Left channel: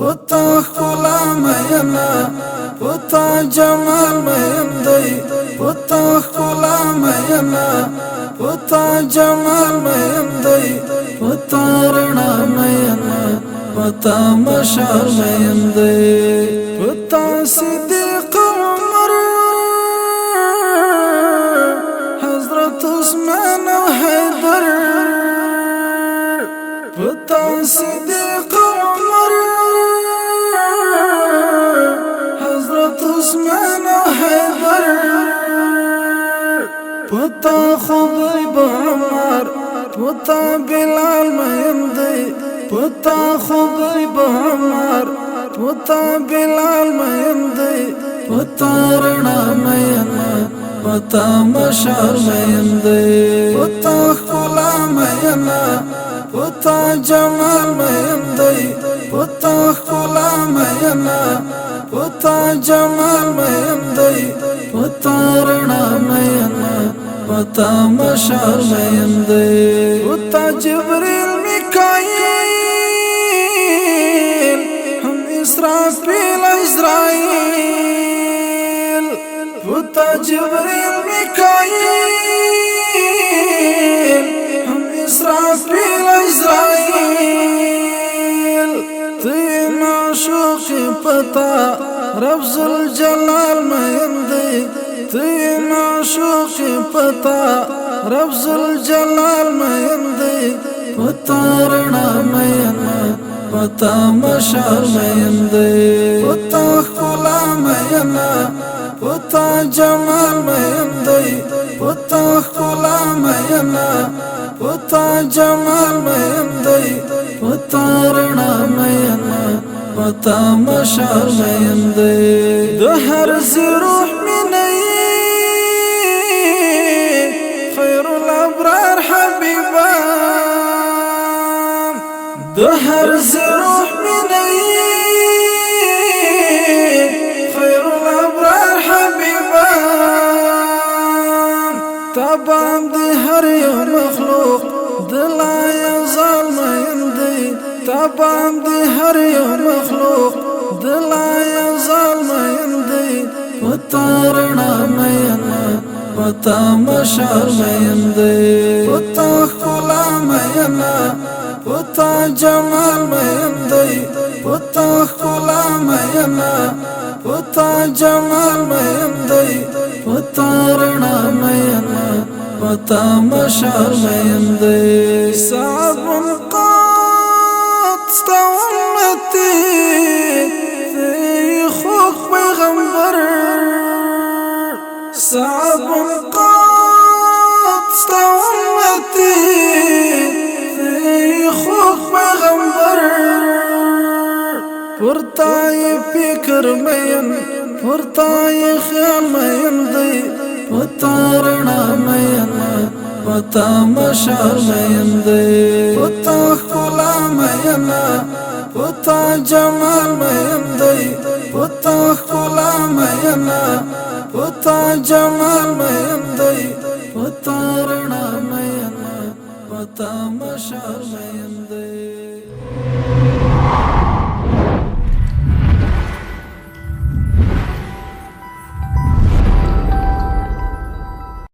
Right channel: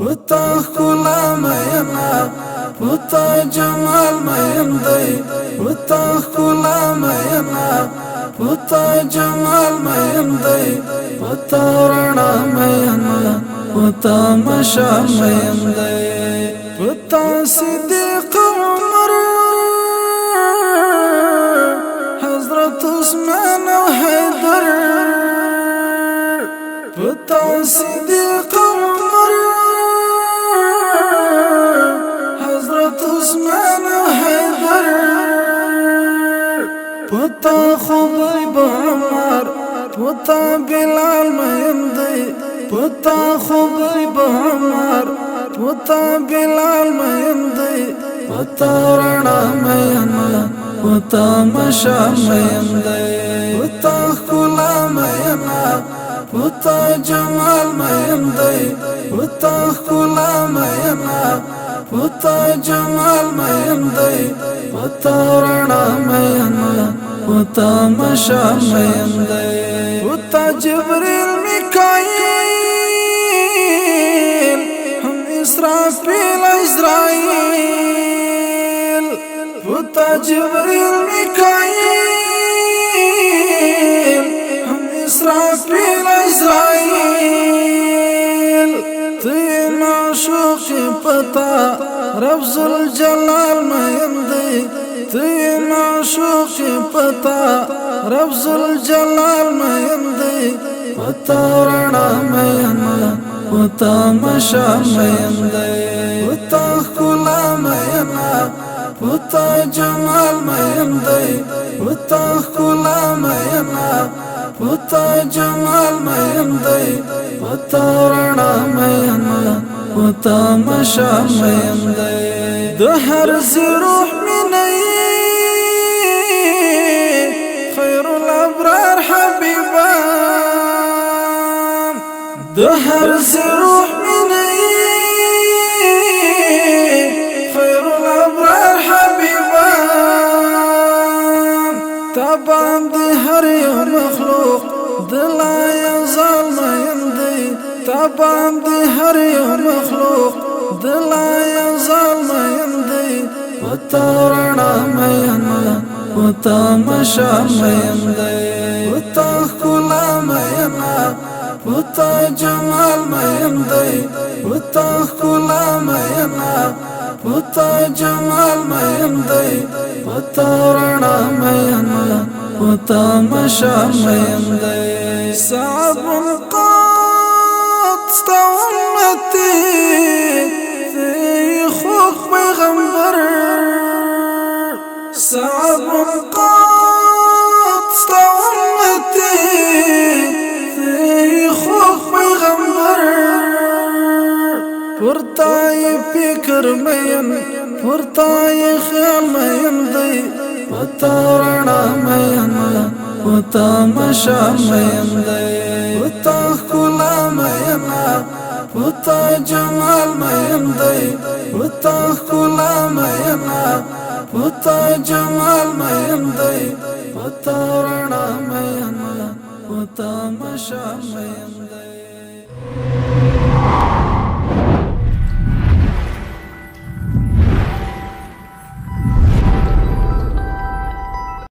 پتا خلا مینا پتا جمال مین دی پتا خلا مینا پتا جمال مین دی پتا رڼا مینا پتا مشال مین دی پتا صدیق عمر حضرت عثمان و حیدر پتا صدیق عمر حضرت عثمان و حیدر پتا خبیب عمر پتا بلال مین دی پتا خبیب عمر پتا بلال مین دی پتا رڼا مینا پتا مشال مین دی پتا خلا مینا پتا جمال مین دی پتا خلا مینا پتا جمال مین دی پتا رڼا مینا پتا مشال مین دی پتا جبریل میکائیل هم اسرافیل عزرائیل پتا جبریل میکائیل هم اسرافیل عزرائیل تین عاشق پتا رب ذوالجلال مین دی تین عاشق پتا رب ذوالجلال مین دی پتا رڼا مینا پتا مشال مین دی پتا خلا مینا پتا جمال مین دی پتا خلا مینا پتا جمال مین دی پتا رڼا مینا پتا مشال مین دی د هر روح منی خیر الابرار حبیبا د هر روح منی خیر الابرار حبیبا تابان دی هر یو مخلوق دلا یزال مین دی تابان دی هر یو مخلوق دلا یزال مین دی پتا رڼا مینا پتا مشال مین دی پتا خلا مینا پتا جمال مین دی پتا خلا مینا پتا جمال مین دی پتا رڼا مینا پتا مشال مین دی صعب قد ستا امتی تی خوک پیغمبر صعب قد ستا امتی تی خوک پیغمبر پرتای فکر مین پرتای خیال مین دی پتا رڼا مینا پتا مشال مین دی پتا خلا مینا پتا جمال مین دی پتا خلا مینا پتا جمال مین دی پتا رڼا مینا پتا مشال مین دی